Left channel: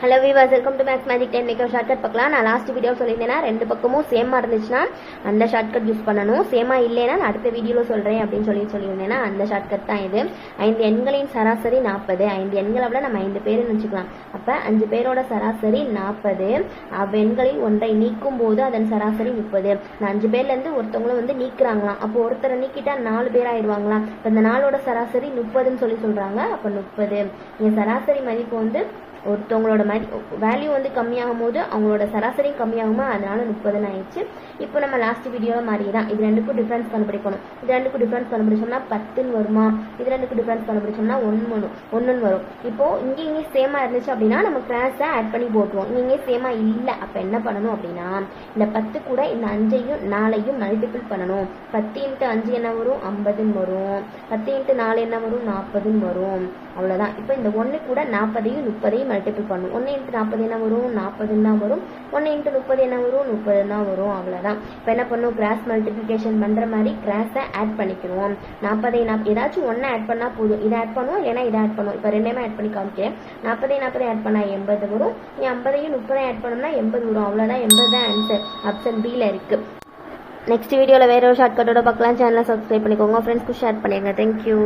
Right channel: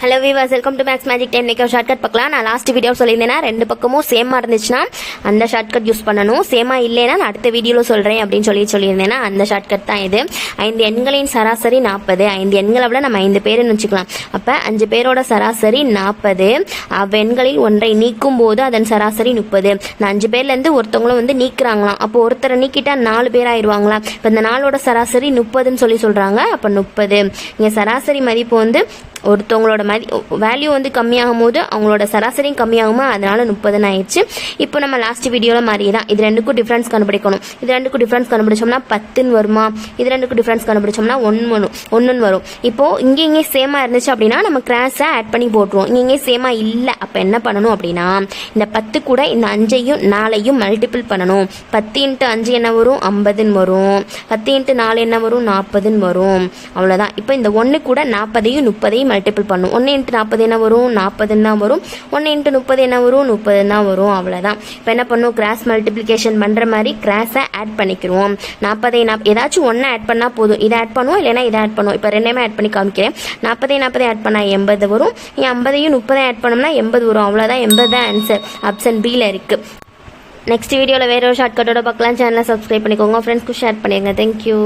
Hello viewers, welcome to Max magic time. இன்னைக்கு shortcut பார்க்கலாம். நான் லாஸ்ட் வீடியோ சொல்லியிருந்தேன்னா ரெண்டு பக்கமும் சேமாக இருந்துச்சுன்னா அந்த ஷார்ட்கட் யூஸ் பண்ணணும். சேமாக இல்லைன்னா நான் அடுத்த வீடியோவில் சொல்கிறேன் அப்படின்னு சொல்லியிருந்தேன்னா அந்த ஷார்ட்கட் தான் இது. 5 எண்களின் சராசரி 40. 5 எண்களை விட நம்ம 5 பேருன்னு வச்சுக்கலாம். அப்போ 5 பேரோட சராசரி 40. எண்களில் ஒன்றை நீக்கும் போது அதன் சராசரி 30. நான் 5 பேர்லேருந்து ஒருத்தவங்களும் நீக்கிறாங்களாம். அப்போ ஒருத்தரை நீக்கிட்டா 4 பேர் ஆயிடுவாங்களா. இப்போ இந்த நாளோட சராசரி 30ன்னு சொல்கிறாங்க. அப்போ 30 இங்கே சராசரி மதிப்பு ஒருத்தவங்களோட வேல்யூ கம்மியாகும் போது அவங்களோட சராசரியும் கம்மியாகுமா, அதனால 30ன்னு ஆயிடுச்சு. இப்போ நம்ம லாஸ்ட் வீடியோவில் மாதிரி தான் இது ரெண்டுக்கும் டிஃப்ரென்ஸ் கண்டுபிடிக்கணும். இது ரெண்டுக்கும் டிஃப்ரென்ஸ் கண்டுபிடிச்சோம்னா 10ன்னு வருமா, இது ரெண்டுக்கும் டிஃப்ரென்ஸ் கண்டுபிடிச்சோம்னா 1ன்னு வரும். இப்போ இங்கே சேமாக இருந்துச்சு அப்படின்னா நம்ம கிராஸை ஆட் பண்ணி போட்டுருவோம். இங்கே சேமாக இல்லை, அப்போ என்ன பண்ணணும் அப்படின்னா இந்த 10 கூட இந்த 5ஐயும் 4ஐயும் மல்டிபிள் பண்ணணும். 10 × 5 என்ன வரும், 50ன்னு வரும். 10 × 4 என்ன வரும், 40ன்னு வரும். அவ்வளோதான். இப்போ இந்த 1 கூட 40ஐயும் 30ஐயும் மல்டிபிள் பண்ணும். 1 × 40 என்ன வரும், 40ன்னு தான் வரும். 1 × 30 என்ன வரும், 30ன்னு தான் வரும். அவ்வளோதான். இப்போ என்ன பண்ணும், கிராஸ் மல்டிப்ளிகேஷன் பண்ணுற மாதிரி கிராஸை ஆட் பண்ணிக்கிறோம். 40 ஏதாச்சும் ஒன்று ஆட் பண்ணால் போதும். இதை ஆட் பண்ணுவோம், இல்லைன்னா இதை ஆட் பண்ணுவோம். இப்போ ரெண்டுமே ஆட் பண்ணி காமிக்கிறேன். 40 ஆட் பண்ணால் 80 வரும். 50ஐயும் 30 ஆட் பண்ணோம்னா 80 வரும். அவ்வளோதான். 80 தான் ஆன்சர். ஆப்ஷன் பியில் இருக்குது. நெக்ஸ்ட் வீடியோவில் வேற ஒரு ஷார்ட்கட்டோட பார்க்கலாம். சேனலை சப்ஸ்கிரைப் பண்ணிக்கோங்க. ஃப்ரெண்ட்ஸ்க்கு ஷேர் பண்ணிடுங்க. தேங்க்யூ.